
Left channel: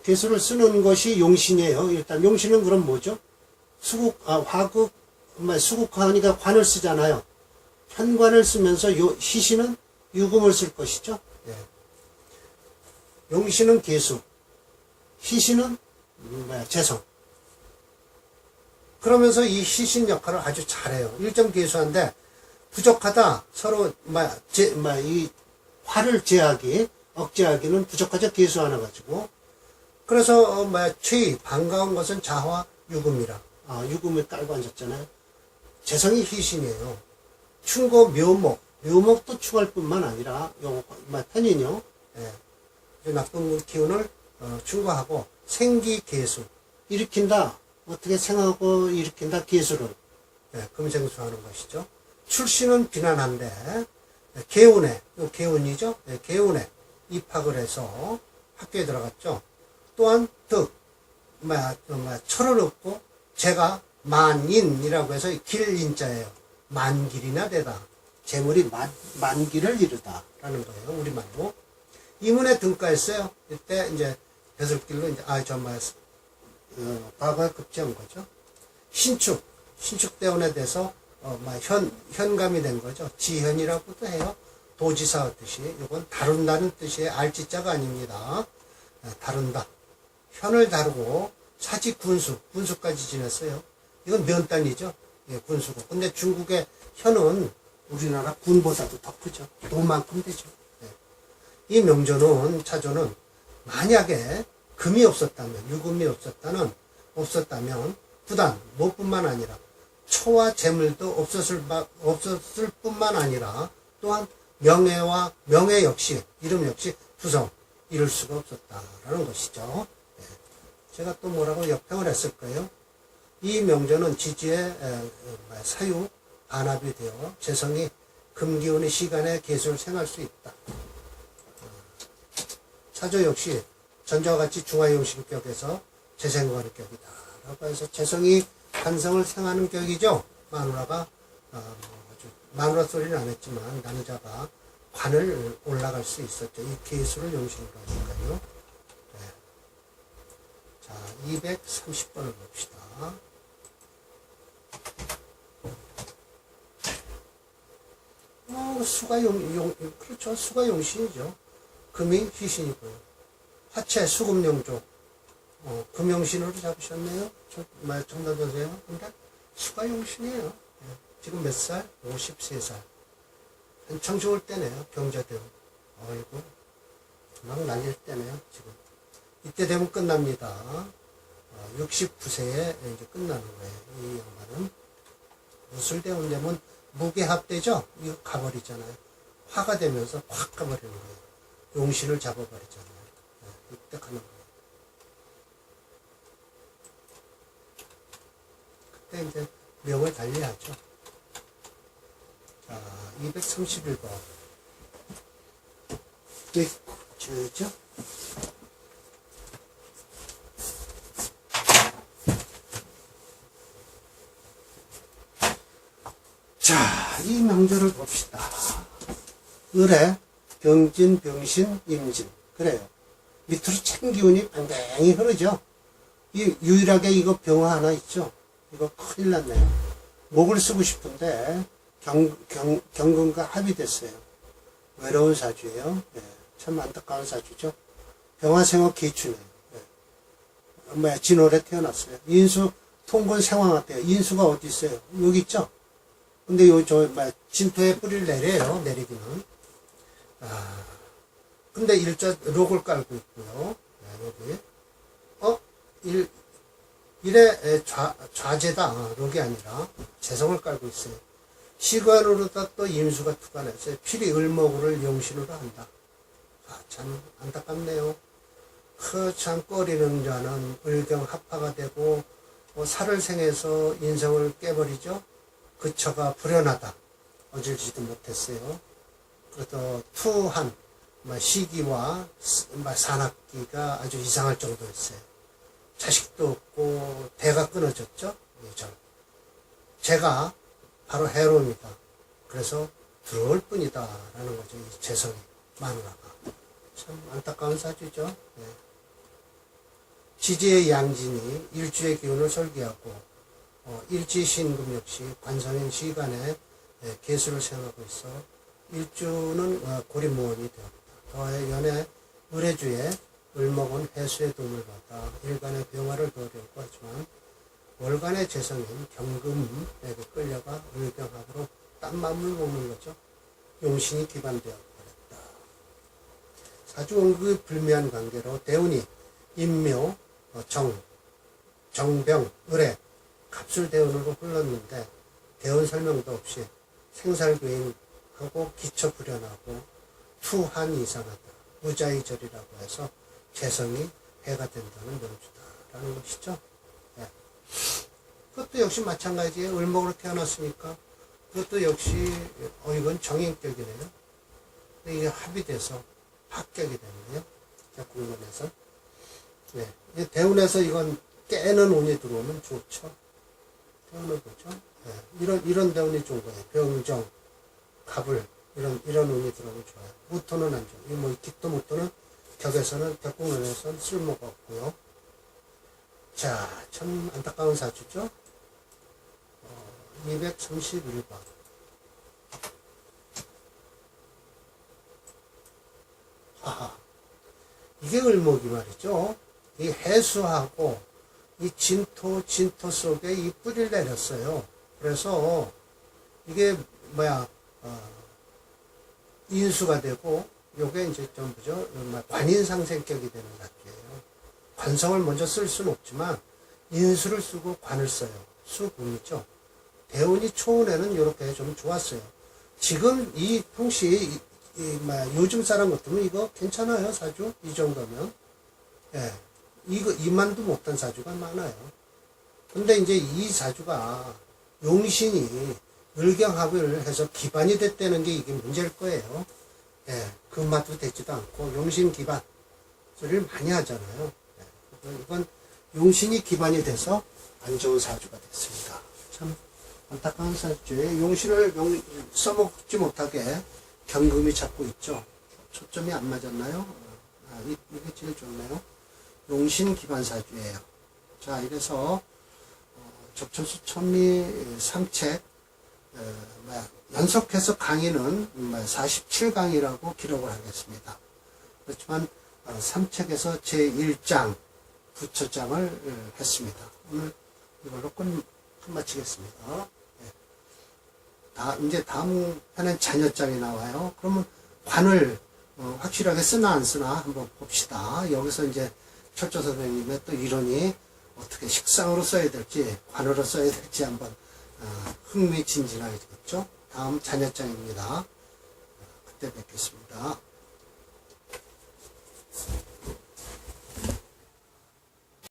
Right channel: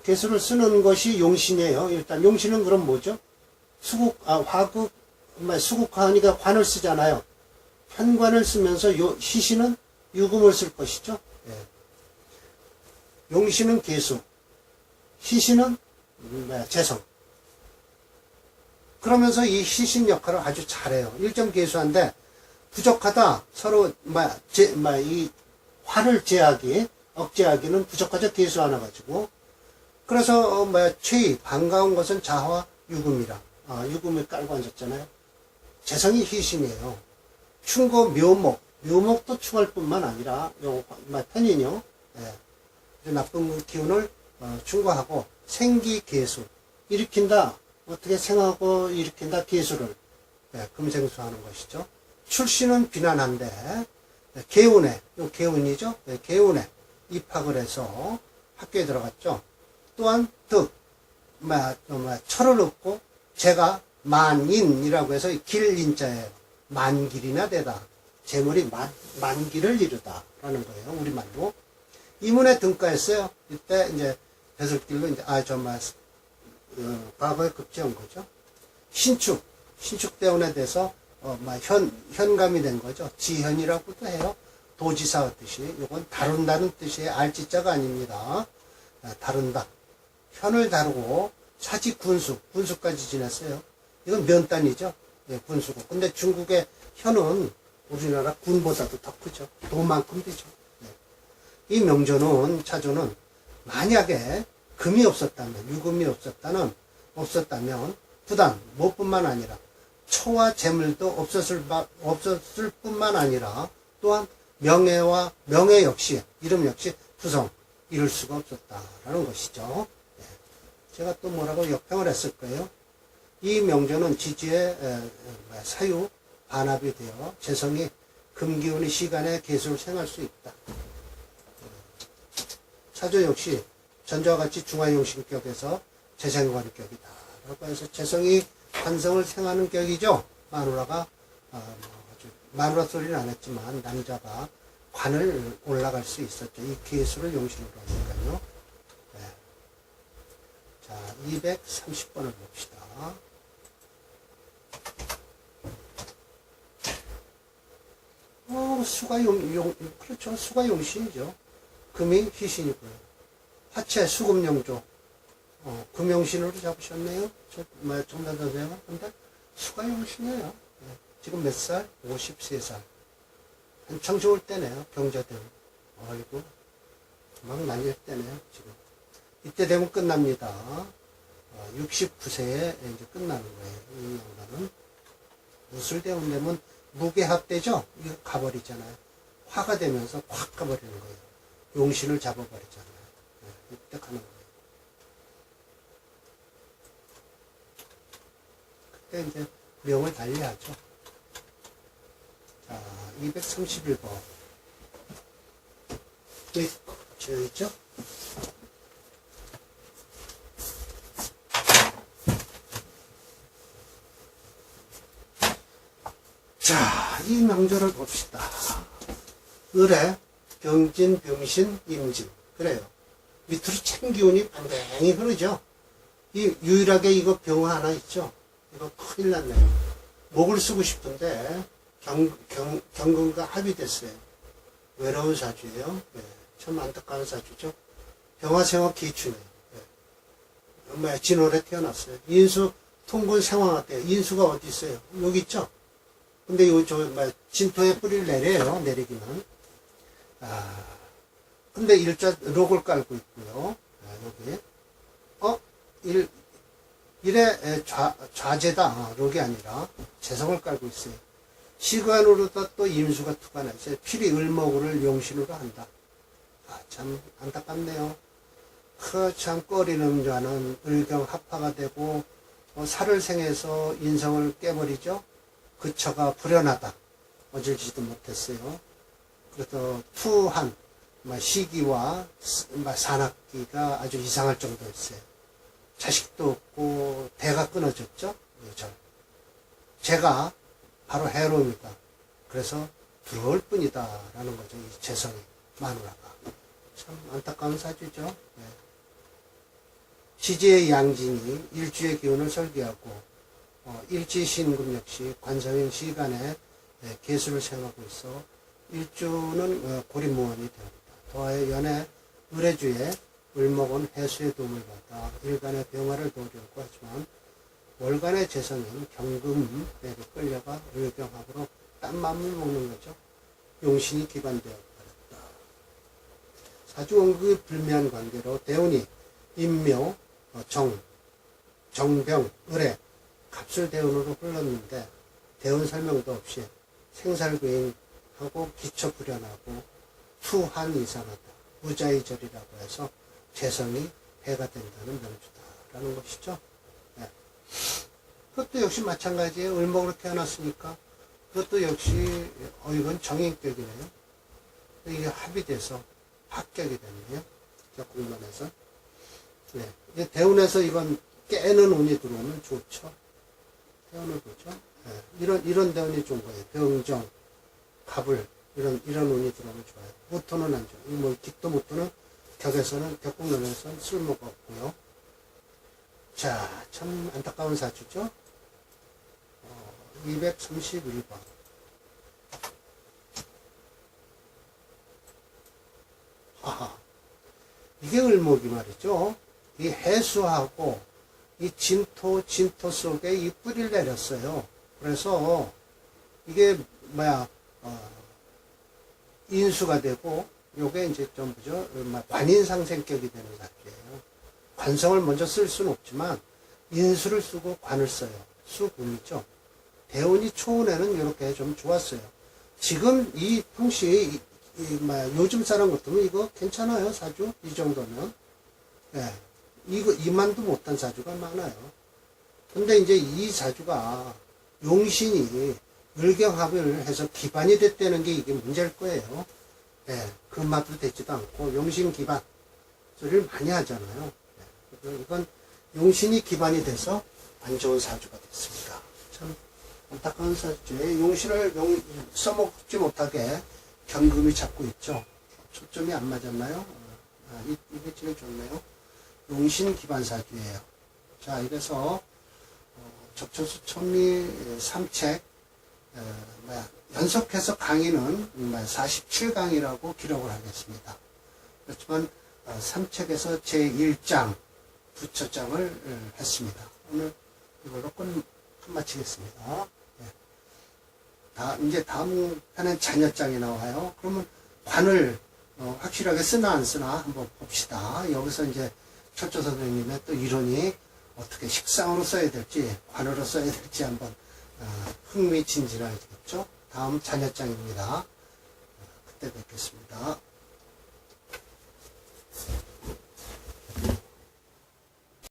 계수를 쓰는 것이 용신이에요. 일단 용신은 그럼 뭐죠? 화극, 수국하니까 관을 쓰잖아요. 현관을 쓰면서 희신은 유금을 쓸 것이죠. 예. 용신은 계수, 희신은 재성. 그러면서 이 희신 역할을 아주 잘해요. 일점 계수한데 부족하다. 서로 이 화를 억제하기는 부족하죠. 계수 하나 가지고. 그래서 최희 반가운 것은 자화 유금이라. 유금을 깔고 앉았잖아요. 재성이 희신이에요. 충고 묘목도 충할 뿐만 아니라 편인요. 예. 나쁜 기운을 충고하고 생기 계수 일으킨다. 어떻게 생하고 일으킨다 계수를 금생수하는 것이죠. 출신은 비난한데 개운에 개운이죠. 개운에 입학을 해서 학교에 들어갔죠. 또한 철을 얻고 제가 만인이라고 해서 길인자예요. 만길이나 되다. 재물이 만길을 이루다 라는 거예요. 우리말로. 이문에 등가했어요. 이때 이제 배설길로 이제 과거에 급제한 거죠. 신축대원에 대해서 현감이 된 거죠. 지현이라고도 해요. 도지사 뜻이. 이건 다룬다는 뜻이에요. 알지자가 아닙니다. 다룬다. 현을 다루고 사지 군수까지 지냈어요. 이건 면단이죠. 예, 군수고. 근데 중국의 현은 우리나라 군보다도 더 크죠. 도만큼 되죠. 예. 이 명조는 차조는 만약에 금이 없었다면, 유금이 없었다면, 부단, 뭐뿐만 아니라, 초와 재물도 없었을 뿐만 아니라, 또한 명예 역시, 이름 역시 부성, 이룰 수가 없었다라는 것이죠. 네. 제가 또 뭐라고 역평을 했을 거예요. 이 명조는 지지의 사유, 반합이 되어 재성이 금기운의 시간에 계수를 생할 수 있다. 차조 역시 전자와 같이 중화용신격에서 재생관의 격이다. 라고 해서 재성이 관성을 생하는 격이죠. 마누라가, 마누라 소리는 안 했지만, 남자가 관을 올라갈 수 있었죠. 이 계수를 용신으로 하니까요. 네. 자, 230번을 봅시다. 수가 그렇죠. 수가 용신이죠. 금이 희신이고요. 하체 수금용조. 금용신으로 잡으셨네요. 정답자세요. 근데 수가 용신이에요. 네. 지금 몇 살? 53살. 한창 좋을 때네요. 경자되고. 아이고. 막 날릴 때네요. 지금. 이때 되면 끝납니다. 69세에 이제 끝나는 거예요. 이 양반은. 무술대원 되면 무게합되죠? 이거 가버리잖아요. 화가 되면서 확 가버리는 거예요. 용신을 잡아버리잖아요. 네, 이때 가는 거예요. 그때 이제 명을 달리하죠. 자, 231번. 네, 저죠? 자, 이 명절을 봅시다. 을에 병진, 병신, 임진. 그래요. 밑으로 참 기운이 뱅뱅이 흐르죠. 이 유일하게 이거 병화 하나 있죠. 이거 큰일 났네요. 목을 쓰고 싶은데 경금과 합의됐어요. 외로운 사주예요. 네, 참 안타까운 사주죠. 병화생화 기춘이에요. 네. 진월에 태어났어요. 인수 통군 상황할때요. 인수가 어디 있어요? 여기 있죠. 근데 진토에 뿌리를 내려요. 내리기는. 근데 일자 록을 깔고 있고요. 네, 여기. 일의 좌재다. 록이 아니라 재성을 깔고 있어요. 시관으로다 또 임수가 투관했어요. 필히 을목을 용신으로 한다. 참 안타깝네요. 참 꺼리는 자는 을경 합파가 되고 살을 생해서 인성을 깨버리죠. 그 처가 불연하다. 어질지도 못했어요. 그래도 투한 시기와 산악기가 아주 이상할 정도였어요. 자식도 없고 대가 끊어졌죠. 제가 바로 해로입니다. 그래서 들어올 뿐이다 라는 거죠. 이 재성이 마누라가 참 안타까운 사주죠. 네. 지지의 양진이 일주의 기운을 설계하고 일지신금 역시 관성인 시간에 개수를 생각하고 있어 일주는 고리무원이 되었다. 더해 연애 을해주에 을목은 해수의 도움을 받아 일간의 병화를 도우려고 하지만 월간의 재성인 경금에게 끌려가 을경합으로 딴 맘을 먹는 거죠. 용신이 기반되어 버렸다. 사주원국의 불미한 관계로 대운이 인묘, 정병, 을에 갑술 대운으로 흘렀는데 대운 설명도 없이 생살괴인하고 기초 불연하고 투한 이상하다. 무자의절이라고 해서 재성이 해가 된다는 명주다라는 것이죠. 네. 그것도 역시 마찬가지예요. 을목으로 태어났으니까 그것도 역시 이건 정인격이네요. 이게 합의돼서 합격이 됐네요. 적군론에서. 네. 대운에서 이건 깨는 운이 들어오면 좋죠. 대운을 보죠. 네. 이런 대운이 좋은 거예요. 병정, 갑을 이런 운이 들어오면 좋아요. 무토는 안 좋아요. 이 깃도 무토는 격에서는 격국론에서는 쓸모가 없고요. 자, 참 안타까운 사주죠. 231번. 하하. 이게 을목이 말이죠. 이 해수하고 이 진토 속에 이 뿌리를 내렸어요. 그래서 이게 인수가 되고 요게 이제 전부죠. 관인상생격이 되는 사주예요. 관성을 먼저 쓸 수는 없지만 인수를 쓰고 관을 써요. 수금이죠. 대운이 초운에는 이렇게 좀 좋았어요. 지금 이 평시 요즘 사람 같으면 이거 괜찮아요. 사주 이 정도면. 예, 이만도 못한 사주가 많아요. 근데 이제 이 사주가 용신이 을경합을 해서 기반이 됐다는 게 이게 문제일 거예요. 예, 그 맛도 되지도 않고 용신 기반 소리를 많이 하잖아요. 예, 이건 용신이 기반이 돼서 안 좋은 사주가 됐습니다. 참 안타까운 사주에 용신을 써먹지 못하게 경금이 잡고 있죠. 초점이 안 맞았나요? 이게 제일 좋네요. 용신 기반 사주예요. 자, 이래서 적초수 천리 3책 연속해서 강의는 47강이라고 기록을 하겠습니다. 그렇지만 3책에서 제1장 부처장을 했습니다. 오늘 이걸로 끝마치겠습니다. 이제 다음 편엔 자녀장이 나와요. 그러면 관을 확실하게 쓰나 안 쓰나 한번 봅시다. 여기서 이제 철조 선생님의 또 이론이 어떻게 식상으로 써야 될지 관으로 써야 될지 한번 흥미진진하겠죠. 다음 자녀장입니다. 그때 뵙겠습니다.